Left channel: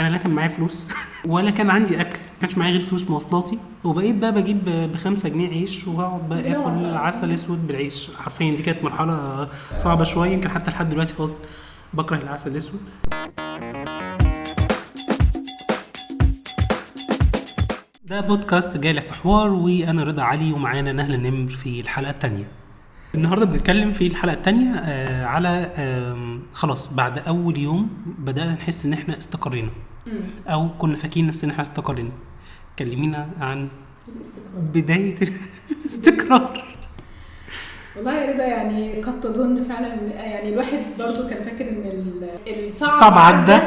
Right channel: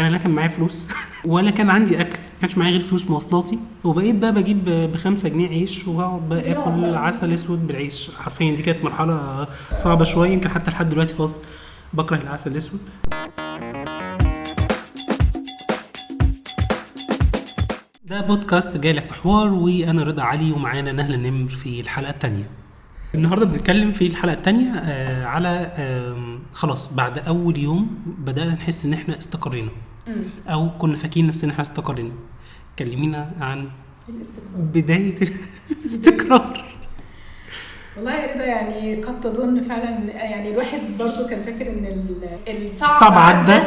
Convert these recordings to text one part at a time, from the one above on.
انا لا كان معايا فلوس ولا كان عندي اكل، ما كانش معايا غير فلوس مواصلاتي، وبقيت بقى بجيب ب5 جنيه عيش واقعد بقى اكل عسل اسود بالعيش. حرفيا دي كانت مرحله صعبه شويه، يمكن حتى لحد دلوقتي خلاص بكره العسل الاسود. ده بودكاست جايلك في حوار، وانا رضا علي ومعانا نهله النمر في الحلقه الثانيه. النهارده بنتكلم في الحلقه الثانيه على خلاص بعد اول يوم بدانا نحس ان احنا استقرينا او كنا فاكرين نفسنا ان احنا استقرينا. كلمينا عن بدايه الاستقرار. والله يا رضا يعني قد تظن فعلا، يعني الواحد برضو كان فاكر ان الصعب عدى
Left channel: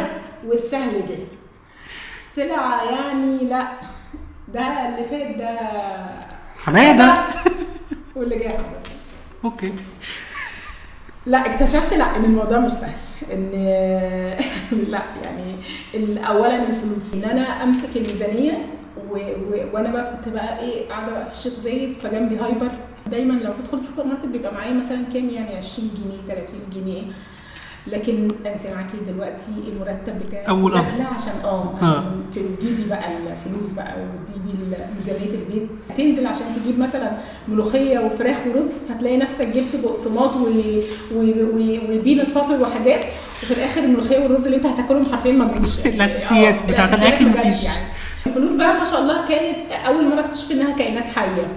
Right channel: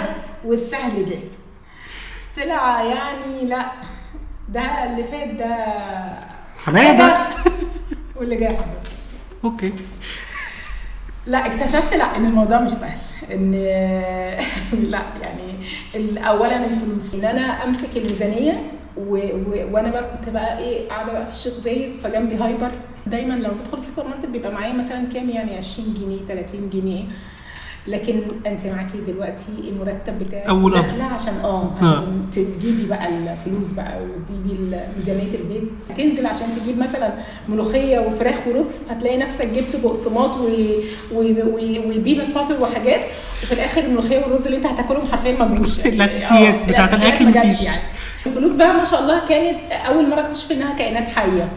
والسهل جه. طلع يعني لا، ده اللي فات ده حماده واللي جاي حماده. اوكي. لا اكتشفت لا ان الموضوع مش سهل، ان لا يعني اولا الفلوس، ان انا امسك الميزانيه وانا بقى كنت بقى ايه قاعده بقى في الشيخ زايد، فجنبي هايبر. دايما لو بدخل السوبر ماركت بيبقى معايا مثلا كام، يعني 20 جنيه 30 جنيه، لكن انت معاكي دلوقتي المرتب بتاعك اول داخله عشان تجيبي بقى الفلوس بقى وتجيبي ميزانيه البيت، تنزل عشان تجيب مثلا ملوخيه وفراخ ورز، فتلاقي نفسك جبت بقسماط وبينات باتر وحاجات، وفي الاخر الملوخيه والرز اللي انت هتاكلهم حرفيا ما جوش. الاساسيات بتاعت الاكل مفيش. يعني الفلوس بقى ما شاء الله كانت اول مره اكتشف انها كائنات حيه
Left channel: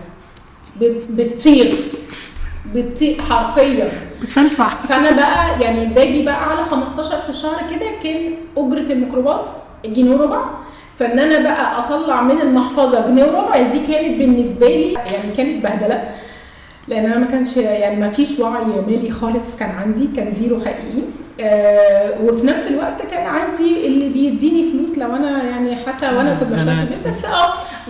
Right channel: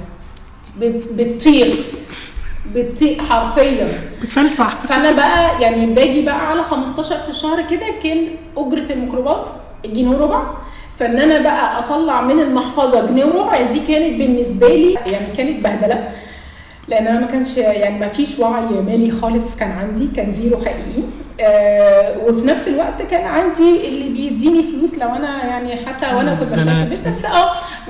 بتطير حرفيا بتفلسع. فانا بقى يعني باجي بقى على 15 في الشهر كده، كان اجره الميكروباص جنيه وربع، فان انا بقى اطلع من المحفظه جنيه وربع دي كانت بالنسبه لي يعني كانت بهدله، لان انا ما كانش يعني ما فيش وعي مالي خالص، كان عندي كان زيرو حقيقي. وفي نفس الوقت كان عندي اللي بيديني فلوس لو انا يعني حتى وانا كنت بشتغل في البيت، بس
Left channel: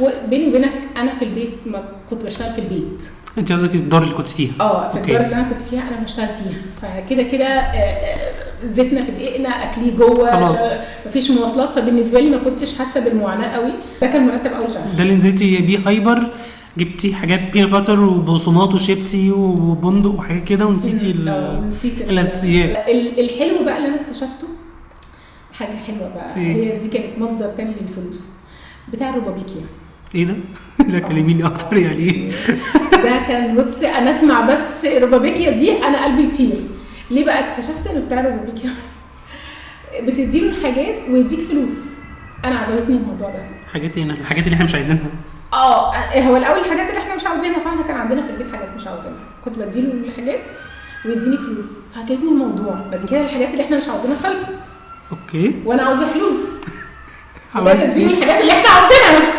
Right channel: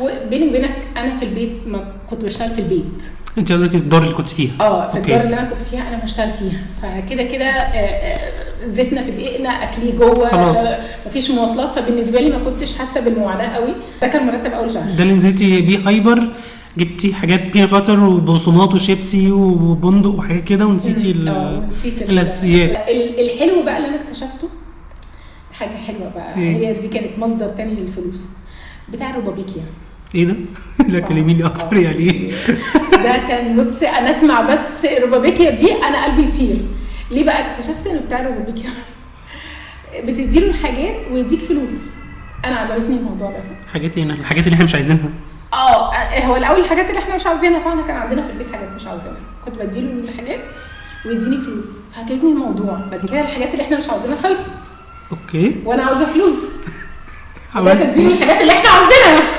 وبيني وبينك انا في البيت ما كنت بشتغل في البيت. انت قصدك الدار اللي كنت فيها؟ في الدار اللي انا كنت فيها انا بشتغل فيها، فكده كده زيتنا في دقيقنا، اكلي جوه، مفيش مواصلات، فبالنسبه لي ما كنتش حاسه بالمعاناه قوي. ده كان مرتب اول شهر. ده اللي نزلتي بيه هايبر، جبتي حاجات بينا باتر وبقسماط وشيبسي وبندق وحاجات كده، ونسيتي الاساسيات. الحلو بقى اللي انا اكتشفته حاجه حلوه بقى، هي دي كانت مصدر تاني للفلوس، بتاع روبابيكيا. ايه ده؟ لا كلميني اكتر يعني ايه؟ ده كان بص انا اسمع بس روبابيكيا دي انا قلبي يطير. ليه بقى اكتشفت ان بتاع روبابيكيا بتديله الحاجات ويديك فلوس؟ انا عجبتني الموضوع ده. حاجات ايه؟ الحاجات اللي احنا مش عايزينها. هو الاول الحاجات اللي احنا مش عاوزينها، فاحنا كان عندنا في البيت حاجات مش عاوزينها، كنت بديله الحاجات ويديني فلوس، فعجبتني الموضوع. بعد كده الحاجات اللي احنا مش عاوزينها خلصت، اوكي، وانا عاوزه فلوس، تديني الحاجات اللي احنا عاوزينها.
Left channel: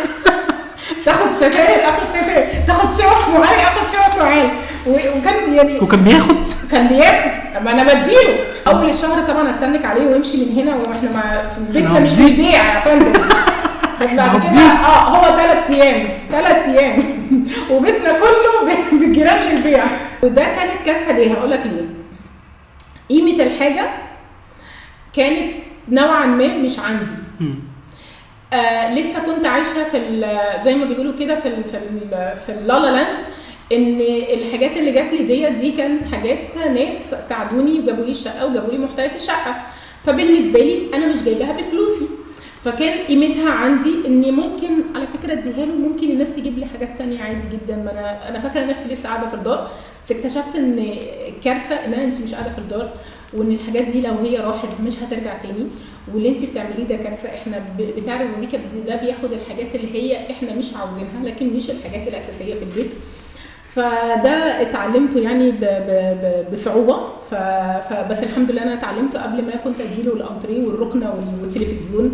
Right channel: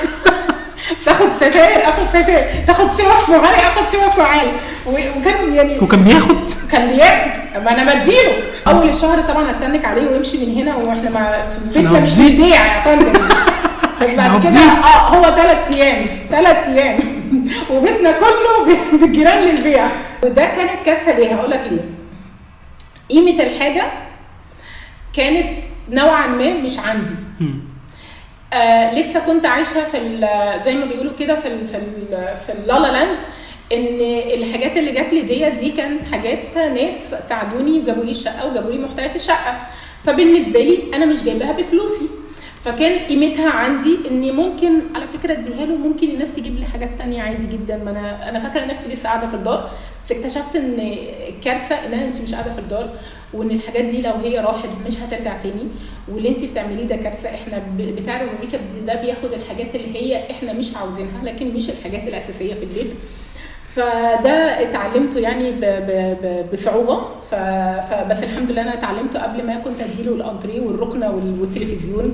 تاخد ستاير اخد ستاير، تاخد شوك معايا اخد شوك معايا، وكان يعني وكان بياخد ما انا بديله. اول الشهر طبعا اتنك عليه ويمشي من هنا، واحنا في بيتنا مش بنبيع يا فندم. بس بعد كده هو 3 ايام وبيتنا كله بالجيران للبيع. وده كانت كارثه. ليه؟ هقول لك ليه. قيمه الحاجه كانت نوعا ما مش عندي. لسه كنت عايشه في زي ما بيقولوا كده في اللالا لاند، ان الحاجات اللي جات لي دي كانت حاجات ناس ساعدوني وجابوا لي الشقه وجابوا لي محتويات الشقه، فبالنسبه لي انا مش جايباها بفلوسي، فكان قيمتها عندي اني ممكن على فكره اديها له، ممكن الناس تجيب لي حاجات تانية عادي جدا. ما انا فاكره نفسي لسه قاعده في الدار، بس اكتشفت ان كارثه ان انت مش قاعده في الدار، وان الحاجات دي لو هي راحت مش هترجع تاني، واللي انت بتعمليه ده كارثه. احنا بتاع روبابيكيا ده بياخد الحاجات اللي هي احنا مش عاوزينها، لكن مش الحاجات الاساسيه في البيت. فده اتعلمته يعني بصعوبه، فبس الحمد لله انا اتعلمته قبل ما كنت اديله الانتريه والركنه والتلفزيون،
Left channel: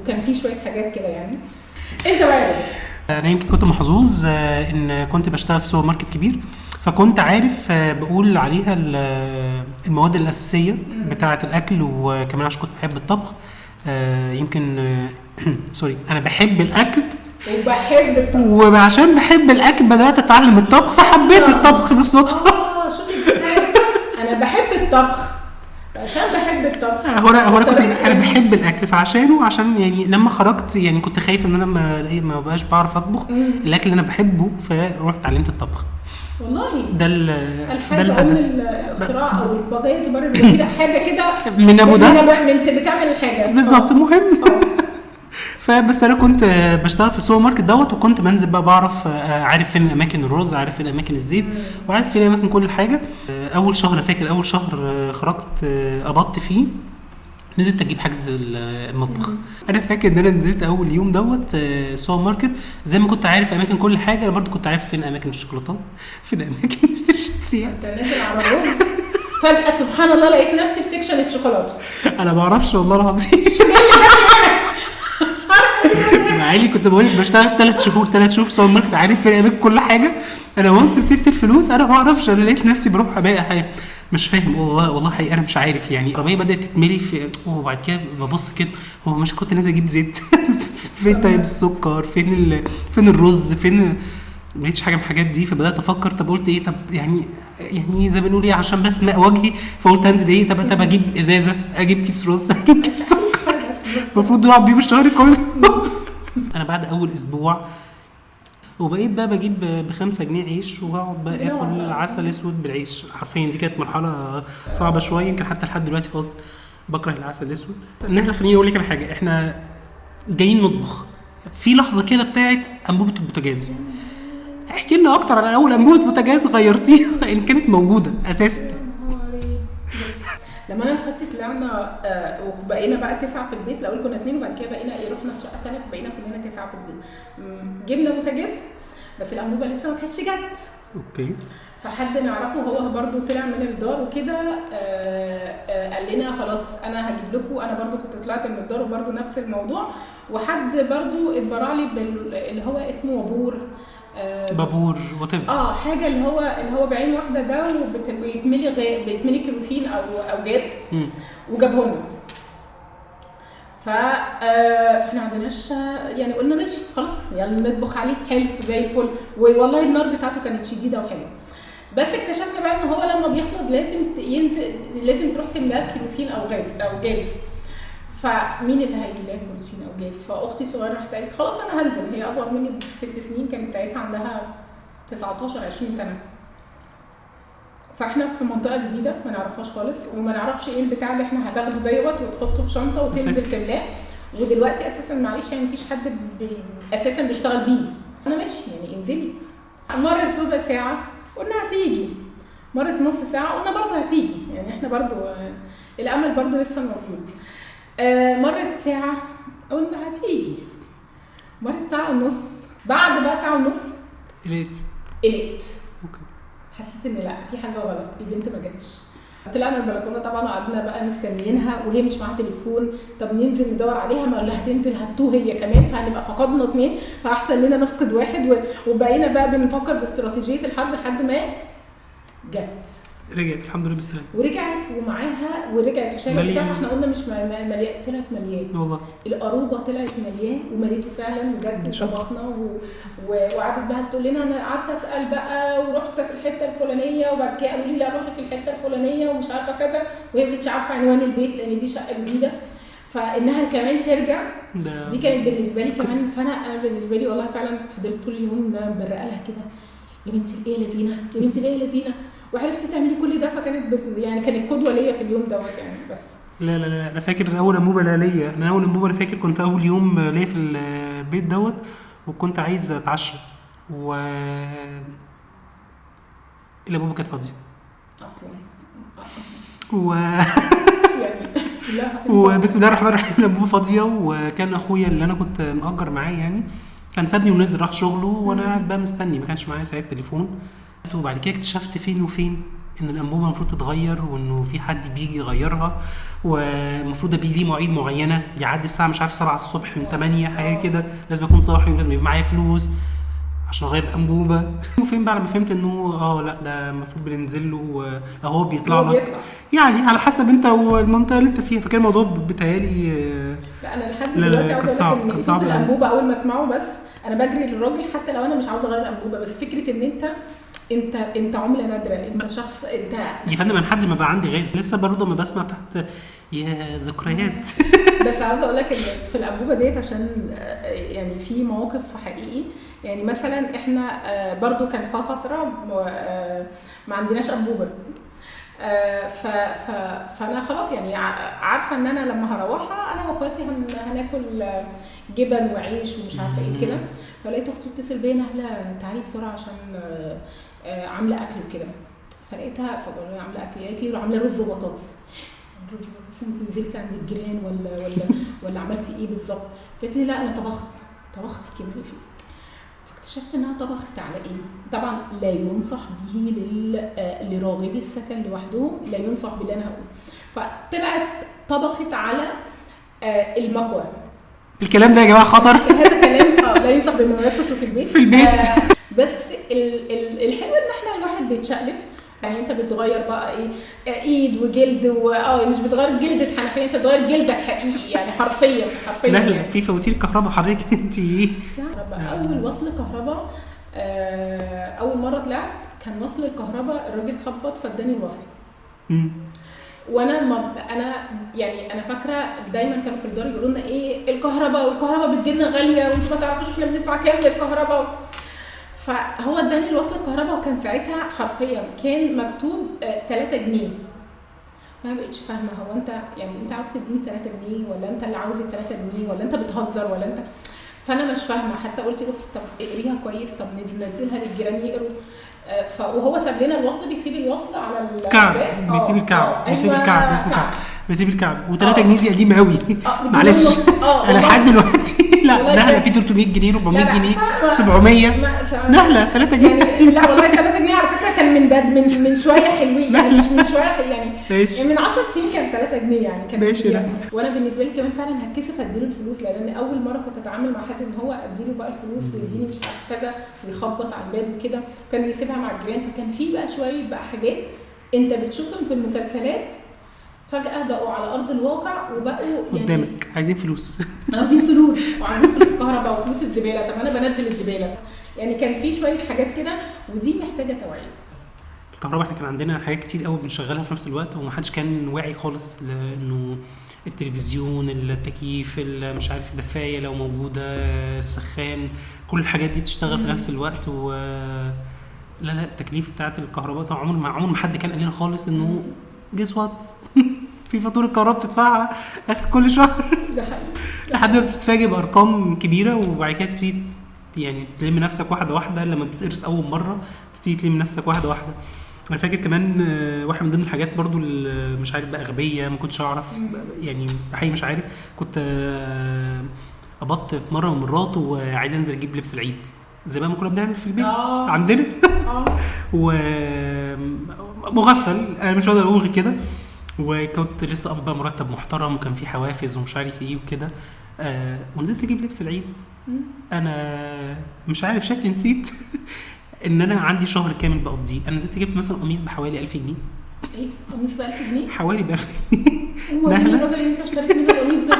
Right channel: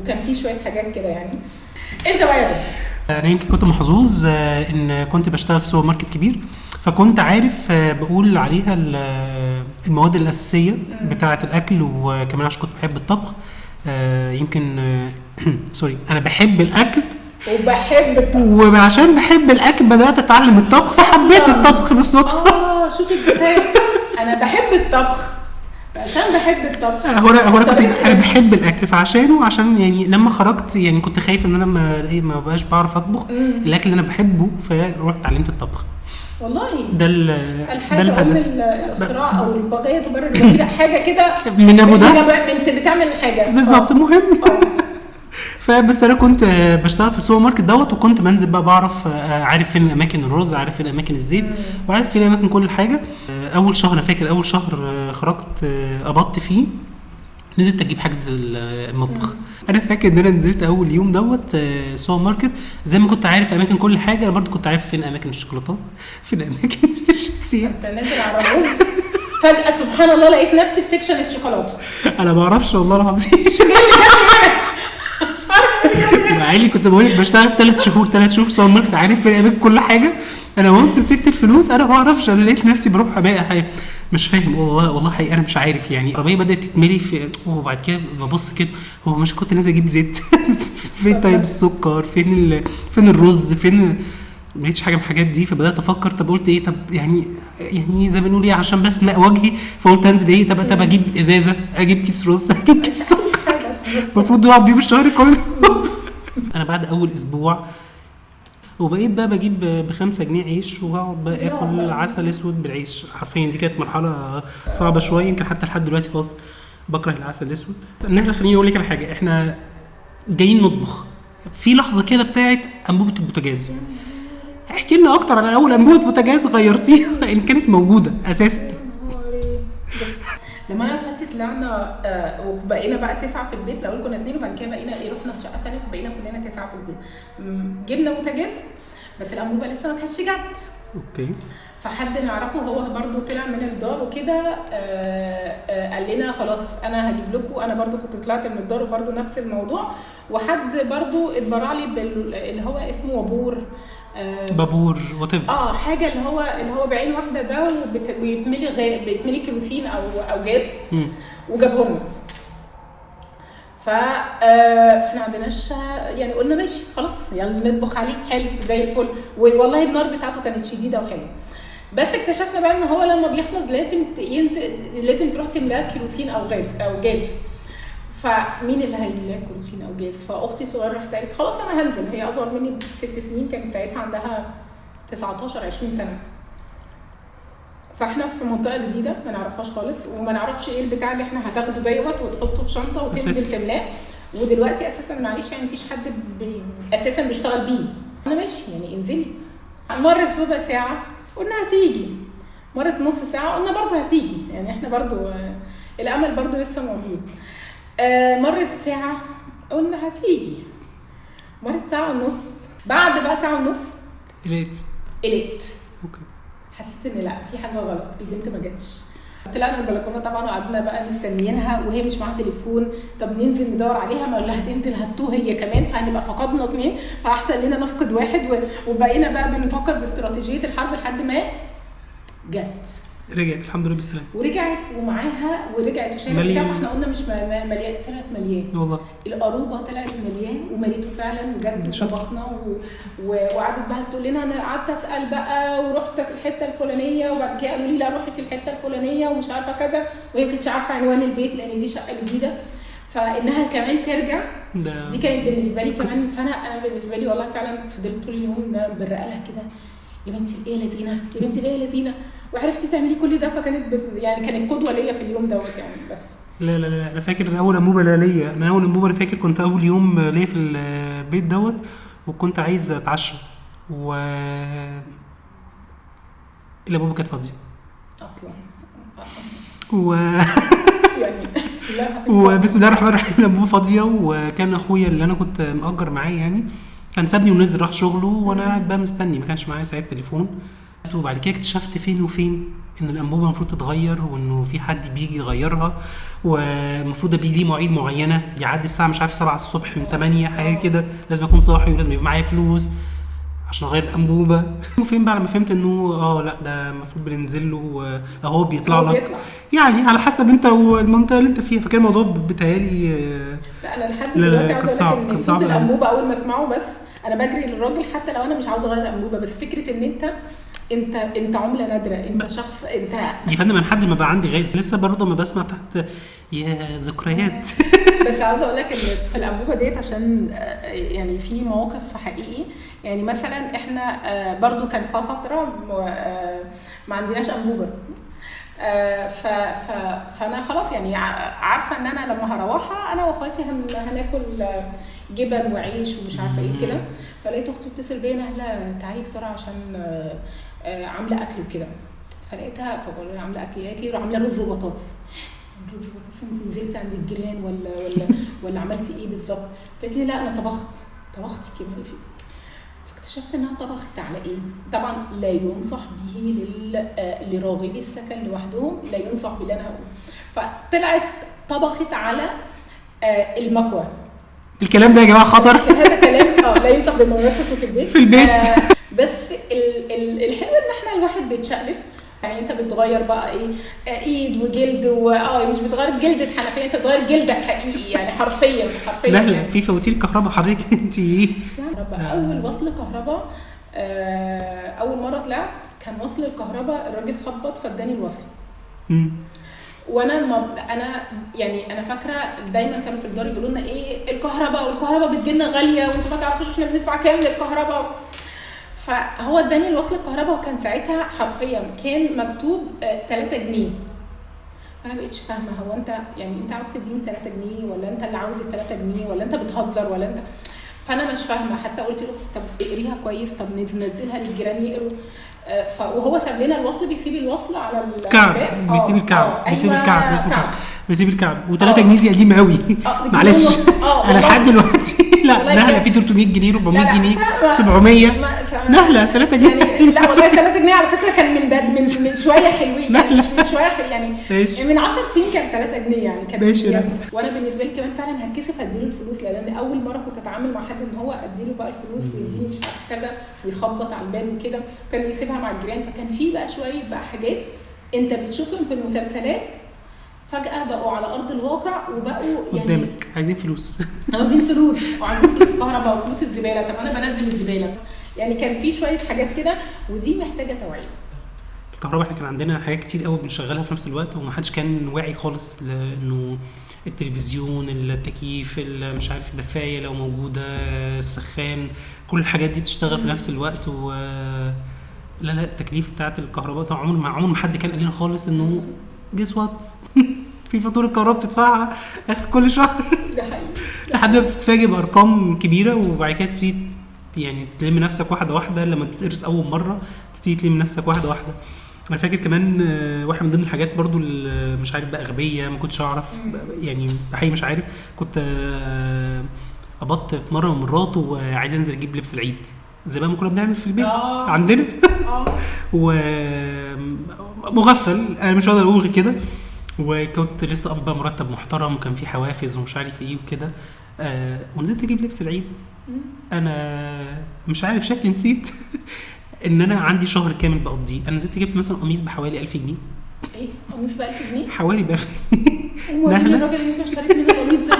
وكان في شويه حاجات كده يعني. انت بقى انا يمكن كنت محظوظ ان كنت بشتغل في سوبر ماركت كبير، فكنت عارف بقول عليها المواد الاساسيه بتاعه الاكل، وكمان عشان كنت بحب الطبخ. يمكن سوري، انا بحب الاكل وبحب الطبخ، وعشان بحب الاكل بدات اتعلم الطبخ، فحبيت الطبخ بالصدفه. شوفي ازاي انا بحب الطبخ عشان بحب الطبخ. هو انا بحب الاكل، فعشانه عشان يعني لما خرجت يعني كنت خايف ان انا ما بقاش بعرف اطبخ الاكل اللي انا بحبه، فرحت اتعلمت الطبخ. والله ده الهدف. الاختراع او البضايه تبرر حاجه كده من ابو ده بتعمل الحاجه بالظبط. مهم فبس انا كنت بشتغل في السوبر ماركت دوت، وكنت بنزل بقى بعرف عارف فين اماكن الرز، عارف فين اماكن الزيت، وعارف فين اماكن كل حاجه. اول شهر انا فاكر اول شهر خرجت قبضت فيه، نزلت اجيب حاجه المطبخ. انا فاكر ان انا نزلت اول يوم دوت سوبر ماركت، زي ما كنت عارف اماكن كل حاجه، انا برضو كنت عارف فين اماكن الشوكولاتات، فين اماكن الشيبسيات. نازل على الرز فجاه سبحان الله لقيت نفسي في سيكشن الشوكولاته. انا ما اعرفش والله العظيم. مع اني كنت بقول لك بشتغل 3 شهور سوبر ماركت، عارف فين اماكن كل حاجه. انا وانس مسكت الفلوس انا ما اعرفش، انا لقيت نفسي بروح ابيع حاجه مش فاهم والله حقيقي انا مش عارف. يعني العربيه بدات تتملي في، وبعد كده ببص كده هو مش كنت نازل اجيب زيت فين طيب السكر، فين الرز، فين ما لقيتش حاجه من الحاجات دي. فبدات افكر طب قلت ايه، طب يعني زي ما بنقول ايه عشان بس ماء وجهي، فقلت انزل ايه طب اجيب ازازه، اجيب كيس رز، اجيب كيس سكر المفروض يقعد بيه الشهر كله. انا بعد اول اسبوع وبقيت بقى بجيب ب5 جنيه عيش، وهقعد بقى اكل عسل اسود بالعيش حرفيا. دي كانت مرحله صعبه شويه، يمكن حتى لحد دلوقتي خلاص بكره العسل الاسود. النهله خليني اقول لك على حاجه، احنا جايين نطبخ في لحظه كده بتاعت انبوبه البوتاجاز. احكي لنا اكتر عن اول انبوبه بوتاجاز غيرتيها ان كانت موجوده اساسا. لما انا واخواتي طلعنا وبقينا بقى 9 في البيت، الاول كنا 2 وبعد كده بقينا رحنا شقه ثانيه فبقينا كلنا 9 في البيت. جبنا بوتاجاز بس الانبوبه لسه ما كانتش جت. اوكي. فحد نعرفه هو برضو طلع من الدار وكده قال لنا خلاص انا هجيب لكم. انا برضو كنت طلعت من الدار وبرضو نفس الموضوع، وحد برضو اتبرع لي اللي هو اسمه وابور بابور واتيفر حاجه اللي هو بعين واحده ده، بيتملي كيروسين او جاز وجابه لنا. فاحنا عندناش يعني قلنا ماشي خلاص يلا نطبخ عليه حلو زي الفل. والله النار بتاعته كانت شديده وحلوه، بس اكتشفنا بقى ان هو لما بيخلص لازم ينزل، لازم تروح تملاه كيروسين او جاز. فمين اللي هيملاه كيروسين او جاز؟ فاختي الصغيره راحت قالت خلاص انا هنزل. هي اصغر مني ب6 سنين، كانت ساعتها عندها 19 20 سنه. فاحنا في منطقه جديده ما نعرفهاش خالص، وما نعرفش ايه البتاع اللي احنا هتاخده دوت وتحطه في شنطه وتنزل تملاه. ودلوقتي اساسا معلش يعني مفيش حد اساسا بيشتغل بيه. انا ماشي يعني انزلي. مرت ربع ساعه قلنا هتيجي، مرت نص ساعه قلنا برضه هتيجي، يعني احنا برضه الامل برضه لسه موجود. مرت ساعه قلنا هتيجي، مرت ساعه ونص. بعد بقى ساعه ونص قلقت. اوكي. حسيت ان لا في حاجه غلط، البنت ما جاتش. طلعنا البلكونه طبعا وقعدنا بقى مستنيينها وهي مش معاها تليفون. طب ننزل ندور عليها، ما قلنا هتنزل هتوه هي كمان، فهنبقى فقدنا 2، فاحسن لنا نفقد 1. وبقينا بقى بنفكر باستراتيجيه الحرب لحد ما جت. رجعت الحمد لله بالسلامه، ورجعت ومعاها ورجعت وشايله بتاع. احنا قلنا مش مليان، طلعت مليان والله. القروبه طلعت مليان ومليته فعلا وجد وطبخنا وقعدت بقى تقول لنا. انا قعدت اسال بقى ورحت في الحته الفلانيه، وبعد كده قالوا لي لا روحي في الحته الفلانيه ومش عارفه كذا، وهي ما كانتش عارفه عنوان البيت لان دي شقه جديده. فانها كمان ترجع دي كانت بالنسبه لي كمان. فانا بالنسبه لي والله فعلا فضلت طول اليوم برق لها كده، يا بنتي ايه لذينه، يا بنتي ايه لذينه، وعرفتي تعملي كل ده. فكانت يعني كانت قدوه ليا في اليوم دوت يعني. بس لا انا فاكر ان اول انبوبه ليا، انا اول انبوبه انا فاكر كنت اول يوم ليا في البيت دوت، وكنت عايز اتعشى الانبوبه كانت فاضيه اصلا وبسم الله الرحمن الرحيم الانبوبه فاضيه. وكان اخويا اللي انا كنت مأجر معاه يعني كان سابني ونزل راح شغله، وانا قاعد بقى مستني، ما كانش معايا ساعه تليفون. وبعد كده اكتشفت فين وفين ان الانبوبه المفروض تتغير، وانه في حد بيجي يغيرها، والمفروض ابقى ليه مواعيد معينه، بيعدي الساعه مش عارف 7 الصبح من 8 حاجه كده، لازم اكون صاحي ولازم يبقى معايا فلوس عشان اغير الانبوبه. وفين بقى لما فهمت انه لا ده المفروض بننزل له اهو بيطلع لك يعني على حسب انت والمنطقه اللي انت فيها. فكان الموضوع بتهيالي لا انا لحد دلوقتي عاوزه اقول لك ان صوت الانبوبه اول ما اسمعه بس انا بجري للراجل حتى لو انا مش عاوزه اغير الانبوبه. بس فكره ان انت عمله نادره، انت شخص انت يا فندم. انا لحد ما بقى عندي غاز لسه برضه ما بسمع تحت يا ذكريات. بس عاوزه اقول لك ان في الانبوبه ديت عشان يعني في مواقف حقيقي. يعني مثلا احنا برضو كان في فتره ما عندناش انبوبه، فانا خلاص يعني عارفه ان انا لما هروحها انا واخواتي هناكل جبن وعيش ومش عارفه ايه كده. فلقيت اختي بتتصل بيا نهله تعالي بسرعه عشان عامله اكل وكده. فلقيتها فبقول لها عامله اكل، قالت لي عامله رز وبطاطس. رز وبطاطس؟ انت نزلتي عند الجيران ولا عملتي ايه بالظبط؟ قالت لي لا انا طبختي كده. اكتشفت انها طبخت على ايه. طبعا لا ينصح به لراغبي السكن لوحده، لا ينصح باللي انا هقوله. فطلعت طبخت على المكوى. الكلام ده يا جماعه خطر. هذا كلام لا ينصح بممارسته في البيت. بس الحلو ان احنا الواحد بيتشقلب، يعني انت بتغير بقى ايه ايد وجلد مش بتغير جلدة حنفيه، انت بتغير جلدك حقيقي يعني حرفيا. لا في فواتير كهرباء حضرتك انت ايه؟ اول وصل كهرباء اول مره طلعت كان وصل الكهرباء، الراجل خبط فاداني الوصل. وانا انا فاكره دايما كانوا في الدار يقولوا لنا ايه الكهرباء بتجيلنا غاليه وانتوا ما تعرفوش احنا بندفع كام للكهرباء. فهو اداني الوصل الكهرباء وكان ساعتها حرفيا كان مكتوب 3 جنيه. انا ما بقتش فاهمه هو انت يعني انت عاوز تديني 3 جنيه ولا انت اللي عاوز 3 جنيه ولا انت بتهزر ولا انت. فانا مش فاهمه. حتى قلت له طب اقريها كويس، طب ننزلها للجيران يقروا. وهو ساب لنا الوصل، بيسيب الوصل على الكعب، بيسيب الكعب بيسيب الكعب و3 جنيه دي قديمه قوي. معلش انا لحد دلوقتي لا في 300 جنيه 400 جنيه 700 نهله 3 جنيه يعني. لا والله 3 جنيه على فكره كان من شويه حلوين يعني، مش من شويه يعني من 10 سنين كان 3 جنيه يعني كان. وانا بالنسبه لي كمان فعلا هتكسف اديله الفلوس، لان اول مره كنت اتعامل مع حد ان هو اديله بقى الفلوس ويديني مش عارف كذا ويخبط على الباب وكده، كان يسيبها مع الجيران. فكان في بقى شويه بقى حاجات انت بتشوفهم في المسلسلات فجأة بقوا على أرض الواقع وبقوا يعني قدامك عايزين فلوس وعايزين فلوس كهرباء وفلوس الزبالة. طب أنا بنزل الزبالة يعني. كان في شوية حاجات كده ودي محتاجة توعية. الكهرباء احنا كان عندنا حاجات كتير قوي بنشغلها في نفس الوقت ومحدش كان واعي خالص لأنه التلفزيون التكييف مش عارف الدفاية لو موجودة السخان كل الحاجات دي بتشتغل في نفس الوقت لا التكليف بتاعت الكهرباء كان عمر ما حد كان قال لنا خالص انه جيس وات في فاتوره الكهرباء بتدفعها اخر كل شهر. ده حقيقي. لحد ما بتتفاجئ بارقام كبيره وبعد كده تبتدي يعني تلم نفسك واحده لما بتقرص اول مره تبتدي تلم نفسك واحده. انا فاكر كمان واحده من ضمن الحاجات برضو مش عارف بقى اغبيه ما كنتش اعرف يعني حقيقي مش عارف. كنت قبضت في مره من المرات وعايز انزل اجيب لبس العيد زي ما كنا بنعمل في البيت عندنا ومغفل انا مش هقدر اقول كده. وكنت لسه قبض بقى مرتب محترم وكان في حوافز ومش عارف ايه وكده ونزلت اجيب لبس العيد. انا مش عارف شكلي نسيت ان انا عندي شهر كامل بقضيه. انا نزلت جبت مثلا قميص بحوالي 1000 جنيه. ايه قميص ب 1000 جنيه؟ حوالي ب 1000 جنيه. الراجل اللي انت اشتريت منه القميص ده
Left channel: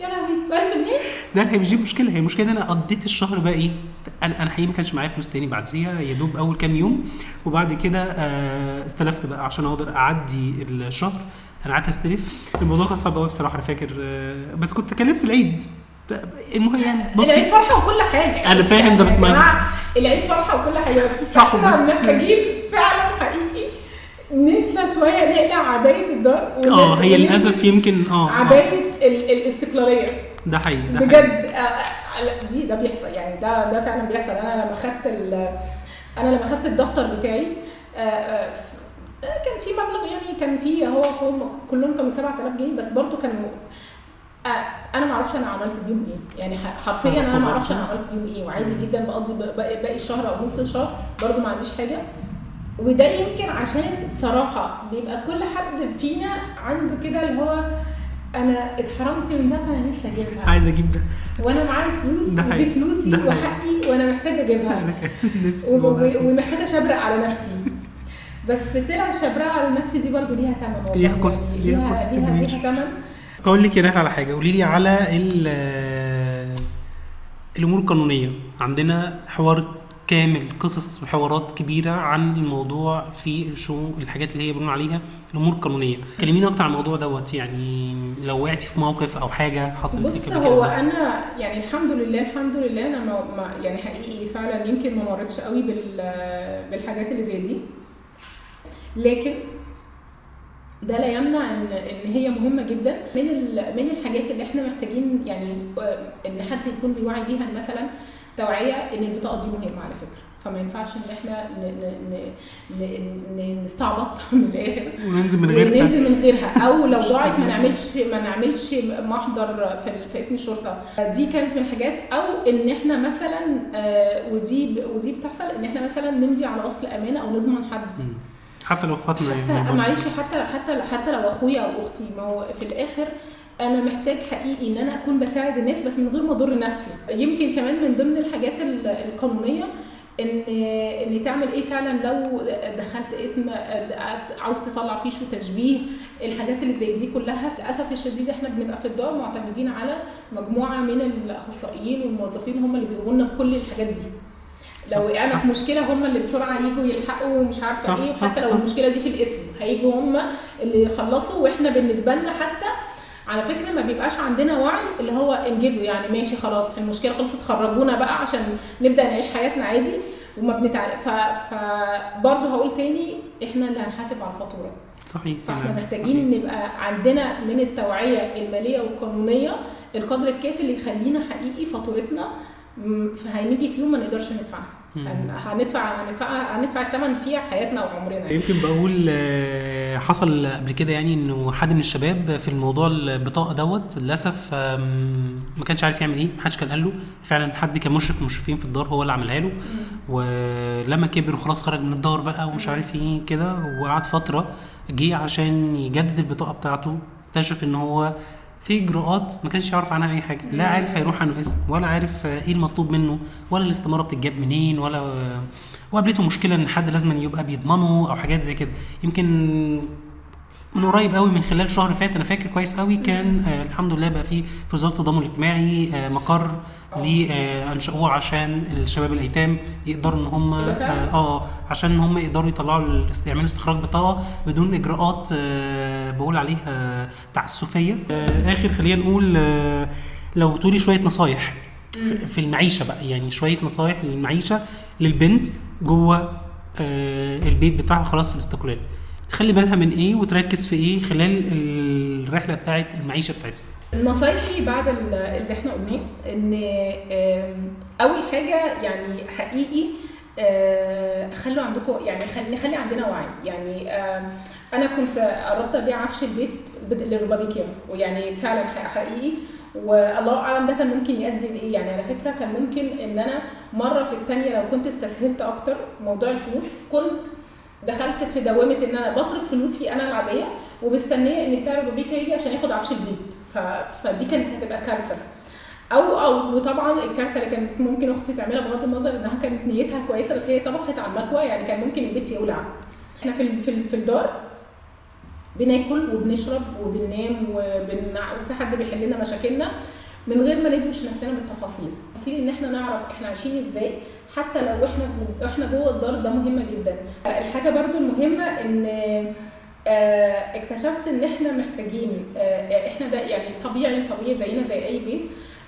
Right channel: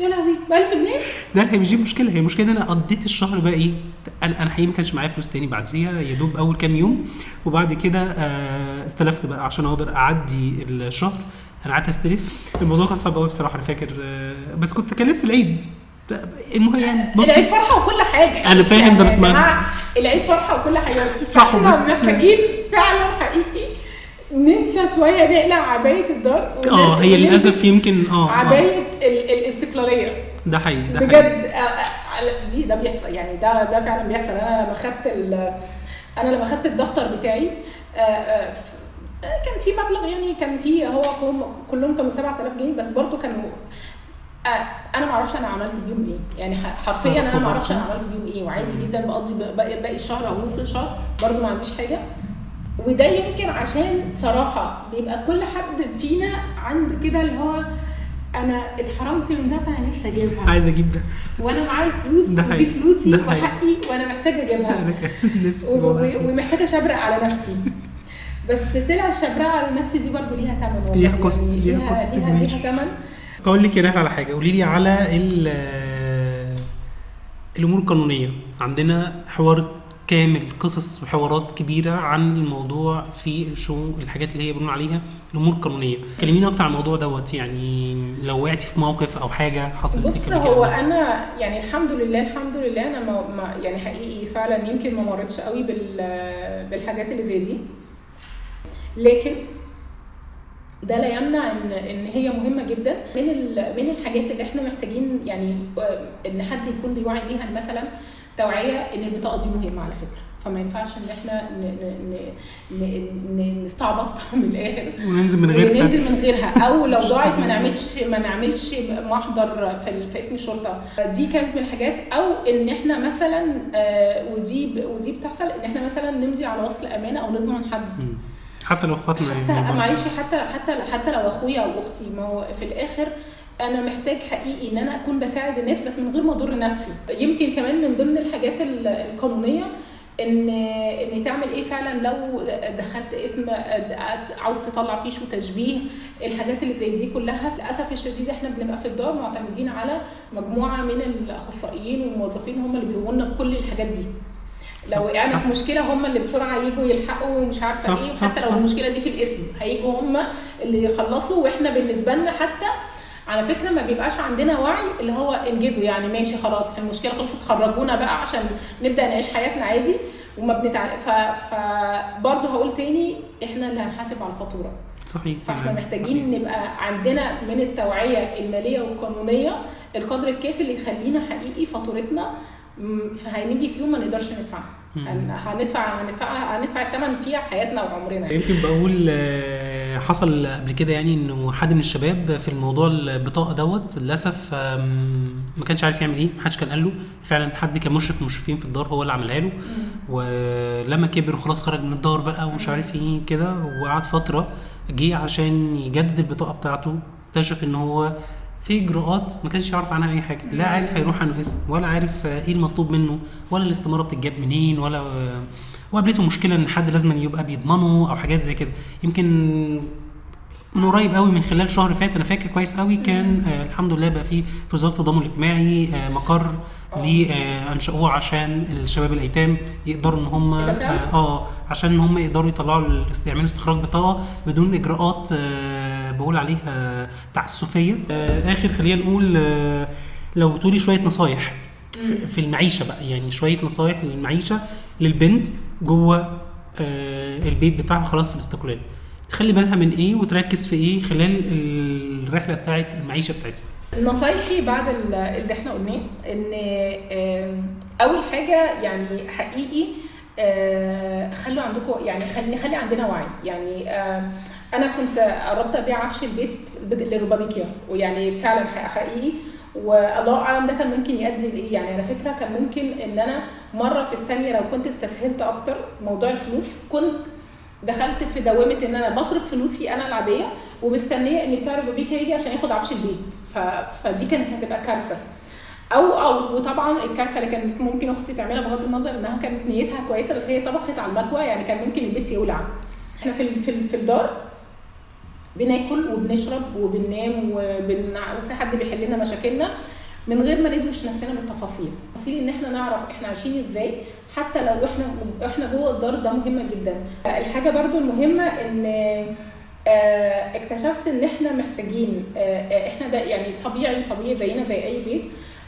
يا لهوي ب 1000 جنيه؟ لا هي مش دي المشكله. هي المشكله ان انا قضيت الشهر بقى ايه. انا حقيقي ما كانش معايا فلوس تاني بعديها يا دوب اول كام يوم وبعد كده استلفت بقى عشان اقدر اعدي الشهر. انا قعدت استلف. الموضوع كان صعب قوي بصراحه. انا فاكر بس كنت كان لبس العيد المهم يعني العيد فرحه وكل حاجه. انا فاهم يعني ده بس العيد فرحه وكل حاجه بس احنا محتاجين فعلا حقيقي ننسى شويه نقلع عبايه الدار هي للاسف يمكن عبايه الاستقلاليه. ده حقيقي بجد ده بيحصل يعني. ده فعلا بيحصل. انا لما خدت الدفتر بتاعي كان في مبلغ يعني كان في هو كلهم كانوا 7000 جنيه بس برضو كانوا انا ما اعرفش انا عملت بيهم ايه يعني حرفيا انا ما اعرفش انا عملت بيهم ايه وعادي جدا بقضي باقي الشهر او نص الشهر برضو ما عنديش حاجه. وده يمكن عشان صراحه بيبقى كل حد فينا عنده كده اللي هو انا اتحرمت من ده فانا نفسي اجيبها عايز اجيب ده وانا معايا الفلوس ودي فلوسي وحقي وانا محتاجه اجيبها ومحتاجه اشبرق على نفسي. بس طلع الشبرقه على نفسي دي برضو ليها ثمن والله. ليها ثمن. اقول لك يا على حاجه. قولي لي على الامور القانونيه. عندنا حوار كامل قصص وحوارات كبيره عن الموضوع في الحاجات اللي هي بنقول عليها الامور القانونيه. كلمينا اكتر عن الموضوع دوت يعني لو وقعتي في موقف او حاجه حصلت لك. بص هو انا يعني الحمد لله انا ما يعني حقيقي فعلا يمكن ما مرتش قوي بالحاجات اللي زي دي. لكن ده لا يمنع ان هي مهمه جدا. من الحاجات اللي احنا محتاجين يعني ان حد يكون بيوعي بيها، مثلا توعيه ان البطاقه دي مهمه على فكره، فما ينفعش ان احنا نستعبط من الاخر وننزل من غيرها، او لو ضاعت ما نعملش محضر في اسم الشرطه. دي كانت من الحاجات. او ان احنا مثلا ودي بتحصل ان احنا مثلا نمضي على وصل امانه او نضمن حد، حتى لو خاطر معلش، حتى لو اخويا او اختي. ما هو في الاخر انا محتاج حقيقي ان انا اكون بساعد الناس بس من غير ما اضر نفسي. يمكن كمان من ضمن الحاجات القانونيه ان تعمل ايه فعلا لو دخلت اسم عاوز تطلع فيش وتشبيه. الحاجات اللي زي دي كلها للاسف الشديد احنا بنبقى في الدار معتمدين على مجموعه من الاخصائيين والموظفين هم اللي بيقوموا لنا بكل الحاجات دي. لو وقعنا في مشكله هم اللي بسرعه ييجوا يلحقوا ومش عارفه ايه. وحتى لو المشكله دي في الاسم هيجوا هم اللي يخلصوا، واحنا بالنسبه لنا حتى على فكره ما بيبقاش عندنا وعي اللي هو انجزوا يعني ماشي خلاص المشكله خلصت خرجونا بقى عشان نبدا نعيش حياتنا عادي وما بنتعلم. فبرضه هقول تاني احنا اللي هنحاسب على الفاتوره. صحيح. فاحنا محتاجين نبقى عندنا من التوعيه الماليه والقانونيه القدر الكافي اللي يخلينا حقيقي فاتورتنا فهنيجي في يوم ما نقدرش ندفعها. هندفع الثمن فيها حياتنا وعمرنا. يمكن بقول حصل قبل كده يعني انه حد من الشباب في الموضوع البطاقه دوت للاسف ما كانش عارف يعمل ايه، ما حدش كان قال له. فعلا حد كان مشرفين في الدار هو اللي عملها له، ولما كبر وخلاص خرج من الدار بقى ومش عارف ايه كده، وقعد فتره جه عشان يجدد البطاقه بتاعته، اكتشف ان هو في اجراءات ما كانش يعرف عنها اي حاجه، لا عارف هيروح عنه اسم ولا عارف ايه المطلوب منه ولا الاستماره بتتجاب منين وقابلته مشكله ان حد لازم يبقى بيضمنه او حاجات زي كده. يمكن من قريب قوي من خلال شهر فات انا فاكر كويس قوي كان الحمد لله بقى في وزاره التضامن الاجتماعي مقر انشأوه عشان الشباب الايتام يقدروا ان هم عشان هم يقدروا يطلعوا يعملوا استخراج بطاقه بدون اجراءات بقول عليها تعسفيه. اخر خلينا نقول لو تقولي شويه نصايح في المعيشه بقى، يعني شويه نصايح للمعيشه للبنت جوه البيت بتاعها خلاص في الاستقلال، تخلي بالها من ايه وتركز في ايه خلال الرحله بتاعت المعيشه بتاعتها. نصايحي بعد اللي احنا قلناه ان اول حاجه يعني حقيقي خلوا عندكم يعني نخلي عندنا وعي. يعني انا كنت قربت ابيع عفش البيت للربابيكيا، ويعني فعلا حقيقي والله اعلم ده كان ممكن يؤدي لايه. يعني على فكره كان ممكن ان انا مره في الثانيه لو كنت استسهلت اكتر موضوع الفلوس كنت دخلت في دوامه ان انا بصرف فلوسي انا العاديه ومستنيه ان بتاع ربابيكيا يجي عشان ياخد عفش البيت. فدي كانت هتبقى كارثه. وطبعا الكارثه اللي كانت ممكن اختي تعملها بغض النظر انها كانت نيتها كويسه بس هي طبخت على المكوى، يعني كان ممكن البيت يولع. احنا في الدار بناكل وبنشرب وبننام وفي حد بيحل لنا مشاكلنا من غير ما ندوش نفسنا بالتفاصيل. ان احنا نعرف احنا عايشين ازاي حتى لو احنا جوه الدار، ده مهمه جدا. الحاجه برضو المهمه ان اكتشفت ان احنا محتاجين احنا ده يعني طبيعي زينا زي اي بيت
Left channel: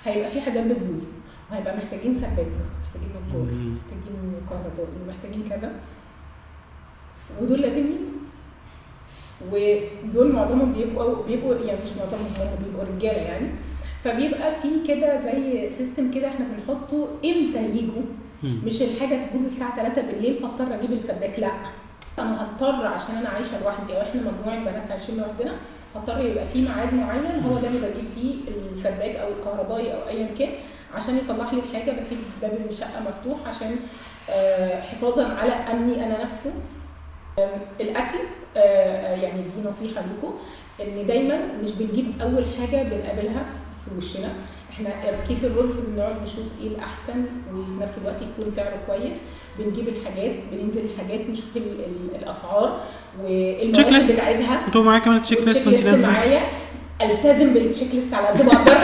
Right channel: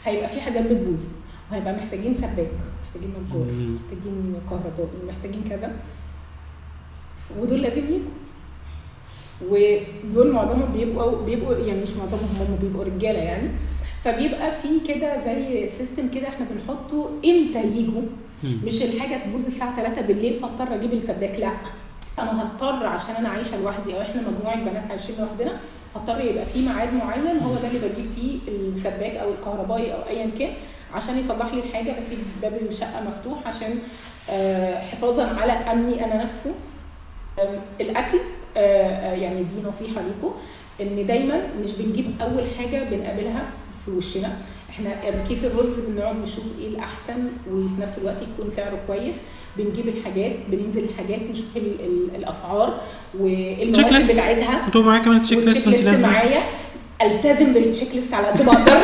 هيبقى في حاجات بتبوظ وهيبقى محتاجين سباك، محتاجين نجار، محتاجين كهربائي، محتاجين كذا، ودول لازم يجوا. ودول معظمهم بيبقوا يعني مش معظمهم، هم بيبقوا رجاله يعني. فبيبقى في كده زي سيستم كده احنا بنحطه امتى يجوا، مش الحاجه تبوظ الساعه 3 بالليل فاضطر اجيب السباك. لا، انا هضطر عشان انا عايشه لوحدي او احنا مجموعه بنات عايشين لوحدنا هضطر يبقى في ميعاد معين هو ده اللي بجيب فيه السباك او الكهربائي او ايا كان عشان يصلح لي الحاجه، بسيب باب الشقه مفتوح عشان حفاظا على امني انا نفسه. الاكل يعني دي نصيحه ليكم ان دايما مش بنجيب اول حاجه بنقابلها في وشنا. احنا كيس الرز بنقعد نشوف ايه الاحسن وفي نفس الوقت يكون سعره كويس. بنجيب الحاجات، بننزل الحاجات نشوف الاسعار والمواسم بتاعتها. انتوا معايا كمان تشيك ليست؟ معايا التزم بالتشيك ليست على قد ما اقدر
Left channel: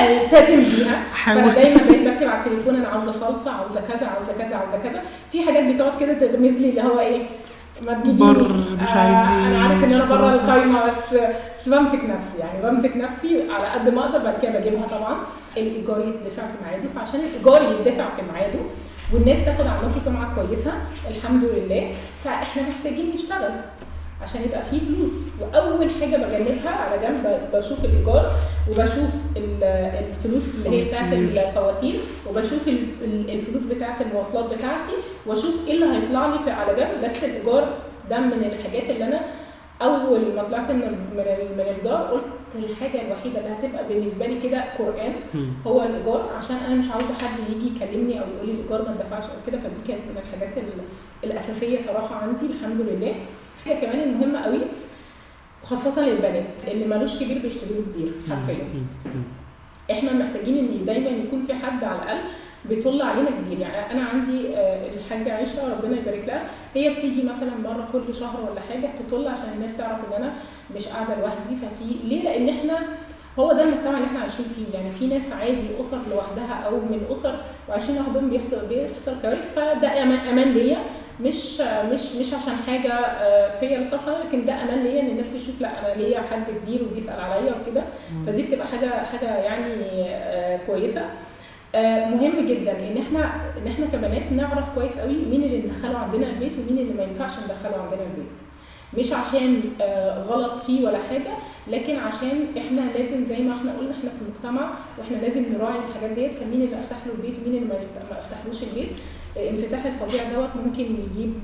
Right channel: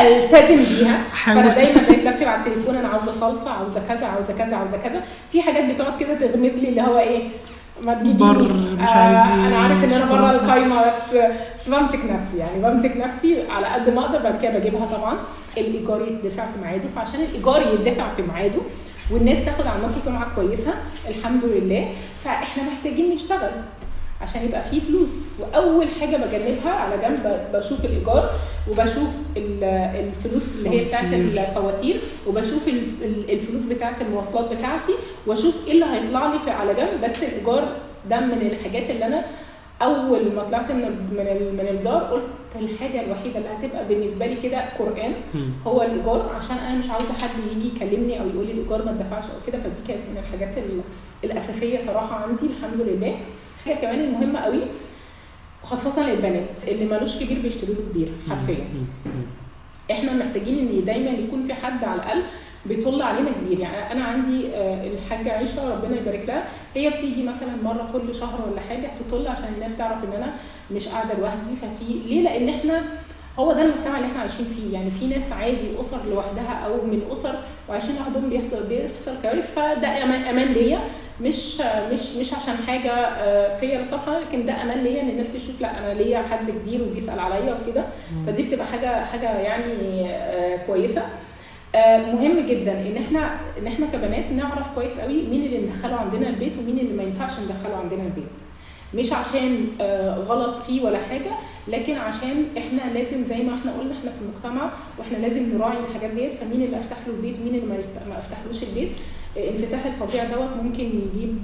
التزم بيها. فانا دايما بقيت بكتب على التليفون انا عاوزه صلصه، عاوزه كذا، عاوزه كذا، عاوزه كذا. في حاجات بتقعد كده تغمز لي اللي هو ايه ما تجيبيني انا عارف ان انا بره القايمه بس بمسك نفسي، يعني بمسك نفسي على قد ما اقدر. بعد كده بجيبها. طبعا الايجار يدفع في ميعاده، فعشان الايجار يدفع في ميعاده والناس تاخد عنكم سمعه كويسه الحمد لله فاحنا محتاجين نشتغل. عشان يبقى فيه فلوس. واول حاجه بجنبها على جنب بشوف الايجار، وبشوف الفلوس اللي هي بتاعت الفواتير، وبشوف الفلوس بتاعت المواصلات بتاعتي، واشوف ايه اللي هيطلع لي على جنب. بس الايجار ده من الحاجات اللي انا اول ما طلعت من الدار قلت الحاجه الوحيده اللي هتبقى بالنسبه لي كده قران هو الايجار، عشان انا مش عاوزه حد يجي يكلمني او يقول لي الايجار ما اتدفعش او كده. فدي كانت من الحاجات الاساسيه صراحه عندي الحمد لله. حاجه كمان المهمه قوي خاصه للبنات اللي مالوش كبير بيشتري له كبير حرفيا. احنا محتاجين ان دايما يكون في حد على الاقل بيطل علينا كبير. يعني انا عندي الحاجه عائشه ربنا يبارك لها، هي بتيجي مثلا مره كل شهر ولا حاجه تطل عشان الناس تعرف ان انا مش قاعده لوحدي. ففي ليه؟ لان احنا هو ده المجتمع اللي احنا عايشين فيه. يعني في ناس عادي اسر لوحدها او من اسر وعايشين لوحدهم بيحصل كوارث، فده امان ليا، مش عشان حاجه فيا لا سمح الله، لكن ده امان ليا ان الناس تشوف لا انا ليا حد كبير وبيسال عليا وكده. فدي بتبقى حاجه يعني كويسه. مهم جدا ان احنا كبنات نعرف كويس قوي مين اللي ندخله عندنا البيت ومين اللي ما ينفعش ندخله عندنا البيت. مش عشان غلط فيه ولا حاجه، لكن عشان احنا لازم زي ما احنا قلنا احنا في المجتمع واحنا لازم نراعي الحاجات ديت. فمين اللي افتح له البيت ومين اللي ما افتحلوش البيت. انفتاح الفظيع ممكن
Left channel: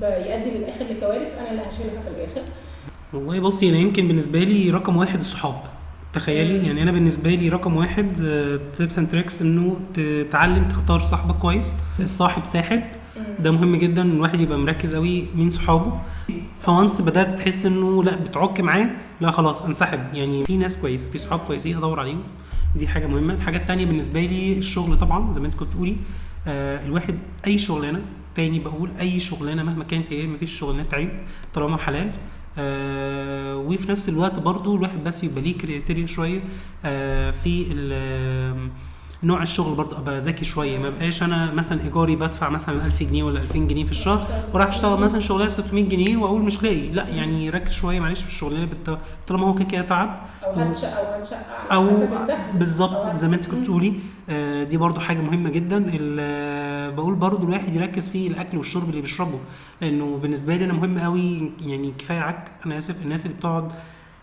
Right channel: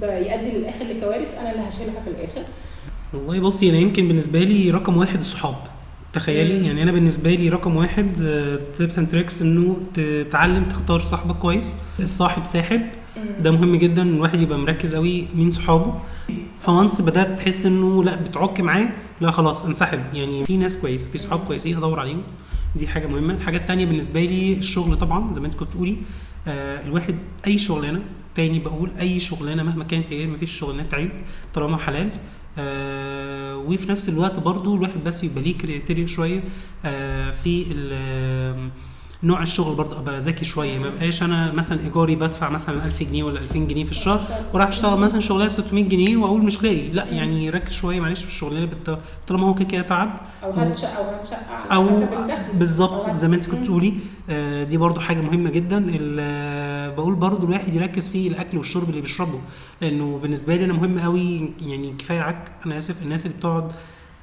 يؤدي للاخر لكوارث انا اللي هشيلها في الاخر. والله بصي انا يمكن بالنسبه لي رقم واحد الصحاب. تخيلي يعني انا بالنسبه لي رقم واحد تيبس اند تريكس انه تتعلم تختار صاحبك كويس. الصاحب ساحب، ده مهم جدا الواحد يبقى مركز قوي مين صحابه. فانس بدات تحس انه لا بتعك معاه، لا خلاص انسحب. يعني في ناس كويسه، في صحاب كويسين ادور عليهم، دي حاجه مهمه. الحاجه الثانيه بالنسبه لي الشغل طبعا زي ما انت كنت تقولي. الواحد اي شغلانه، تاني بقول اي شغلانه مهما كانت هي، مفيش شغلانه عيب طالما حلال. وفي نفس الوقت برضو الواحد بس يبقى ليه كريتيريا شويه في نوع الشغل. برضه ابقى ذكي شويه، ما بقاش انا مثلا ايجاري بدفع مثلا 1000 جنيه ولا 2000 جنيه في الشهر وراح اشتغل مثلا شغلانه 600 جنيه واقول مش لاقي. لا يعني ركز شويه معلش في الشغلانه طالما هو كده تعب او هتشقى على حسب الدخل بالظبط زي ما انت كنت بتقولي. دي برضو حاجه مهمه جدا. بقول برضو الواحد يركز في الاكل والشرب اللي بيشربه، لانه بالنسبه لي انا مهم قوي. يعني كفايه عك، انا اسف، الناس اللي بتقعد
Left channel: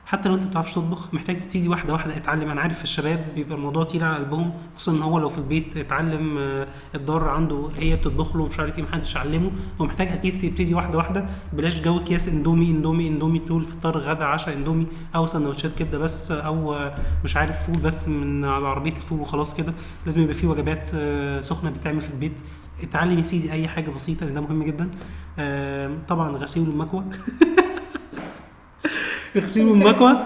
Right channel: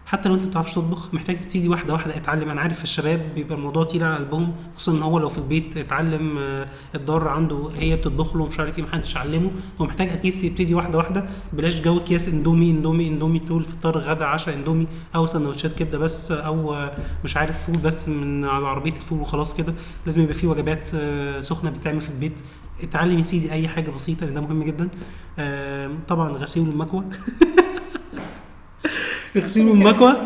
حتى لو انت ما بتعرفش تطبخ محتاج تبتدي واحده واحده اتعلم. انا عارف الشباب بيبقى الموضوع تقيل على قلبهم، خصوصا ان هو لو في البيت اتعلم الضار عنده هي بتطبخ له مش عارف ايه، محدش علمه. هو محتاج اتيس يبتدي واحده واحده، بلاش جو اكياس اندومي طول فطار غدا عشاء اندومي، او سندوتشات كبده بس، او مش عارف فول بس من على عربيه الفول وخلاص كده. لازم يبقى في وجبات سخنه بتتعمل في البيت. اتعلم يا سيدي اي حاجه بسيطه لان ده مهم جدا. طبعا غسيل المكوى غسيل المكوى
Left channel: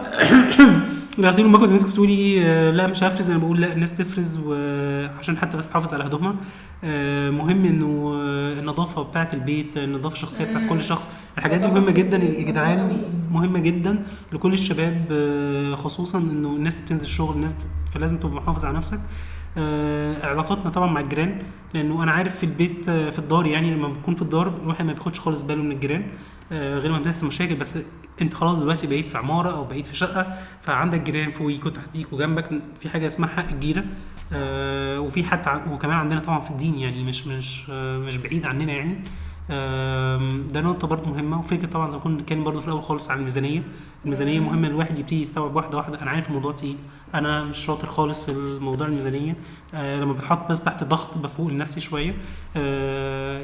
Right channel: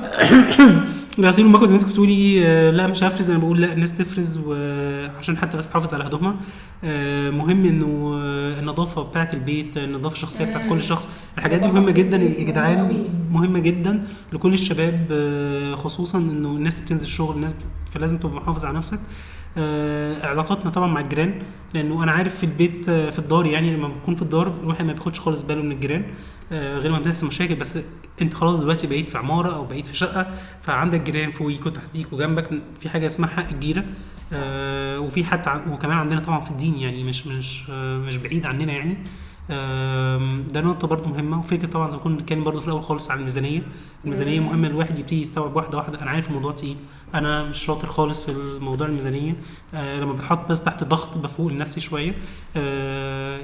غسيل المكوى زي ما انت بتقولي. لا مش هفرز، انا بقول لا الناس تفرز وعشان حتى بس تحافظ على هدومها. مهم انه النظافه بتاعه البيت، النظافه الشخصيه بتاعه كل شخص، الحاجات دي مهمه جدا يا جدعان، مهمه جدا لكل الشباب. خصوصا انه الناس بتنزل شغل، الناس فلازم تبقى محافظ على نفسك. علاقاتنا طبعا مع الجيران، لانه انا عارف في البيت في الدار، يعني لما بكون في الدار الواحد ما بياخدش خالص باله من الجيران غير ما بتحصل مشاكل. بس انت خلاص دلوقتي بقيت في عماره او بقيت في شقه، فعندك جيران فوقيك وتحتيك وجنبك. في حاجه اسمها حق الجيره. وفي حتى وكمان عندنا طبعا في الدين، يعني مش بعيد عننا يعني. ده نقطه برضو مهمه. وفكره طبعا زي ما كنا بنتكلم برضو في الاول خالص عن الميزانيه مهمه. الواحد يبتدي يستوعب واحده واحده. انا عارف الموضوع تقيل، انا مش شاطر خالص في الموضوع الميزانيه. لما بتحط بس تحت ضغط بفوق لنفسي شويه.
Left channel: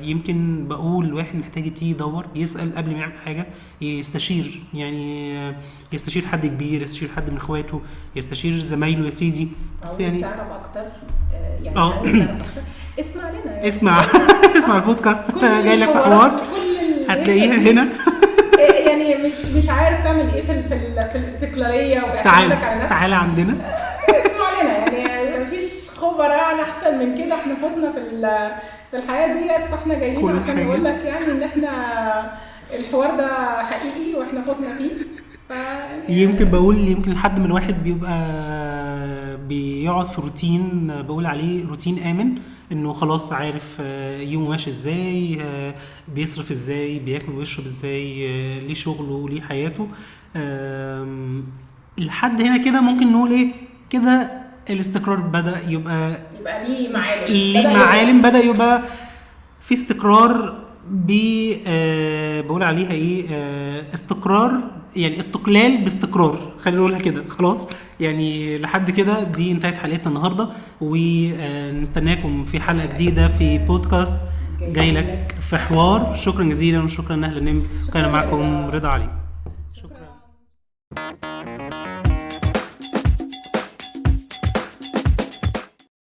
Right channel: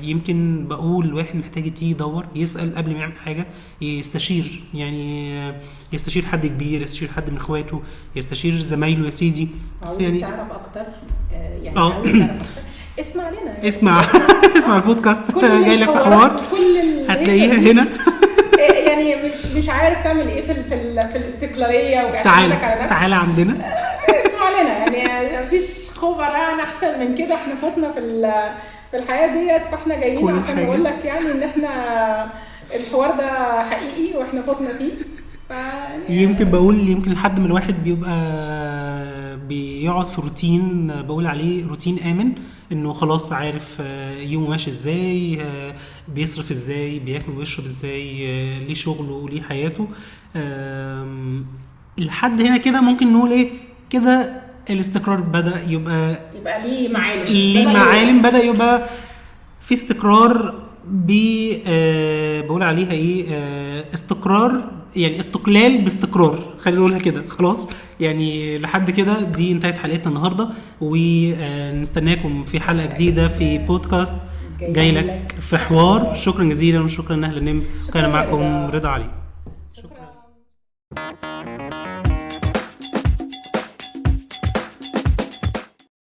يمكن بقول الواحد محتاج يبتدي يدور، يسال قبل ما يعمل حاجه، يستشير. يعني يستشير حد كبير، يستشير حد من اخواته، يستشير زمايله يا سيدي. بس يعني تعرف اكتر، يعني عاوز تعرف اكتر اسمع لنا، اسمع البودكاست جاي لك في حوار هتلاقيها هنا. يعني مش عارف تعمل ايه في الاستقلاليه واعتمادك على نفسك، تعالى عندنا اسمع لنا. يعني مفيش خبراء احسن من كده، احنا فتنا في الحياه ديت، فاحنا جايين عشان نقول لك يعني ان احنا الحوار ده حقيقي واحنا فتنا فيه. يمكن بقول يمكن لحد ما الواحد بيبقى بيقعد في روتين، بقول عليه روتين آمن، انه خلاص عارف يومه ماشي ازاي، بيصرف ازاي، بياكل ويشرب ازاي، ليه شغله ليه حياته. لحد هنا كده ممكن نقول ايه كده الاستقرار بدأ يبقى ليه معالم، بدأ يبقى في استقرار بقول عليها ايه، استقرار، يعني استقلال باستقرار، خلينا نقولها كده. خلاص يعني لحد كده دي انتهت حلقتنا النهارده، ونستناكم في حلقه جديده في بودكاست جاي لك في حوار. شكرا جزيلا وشكرا لاهل النمر، كان معكم رضا علي.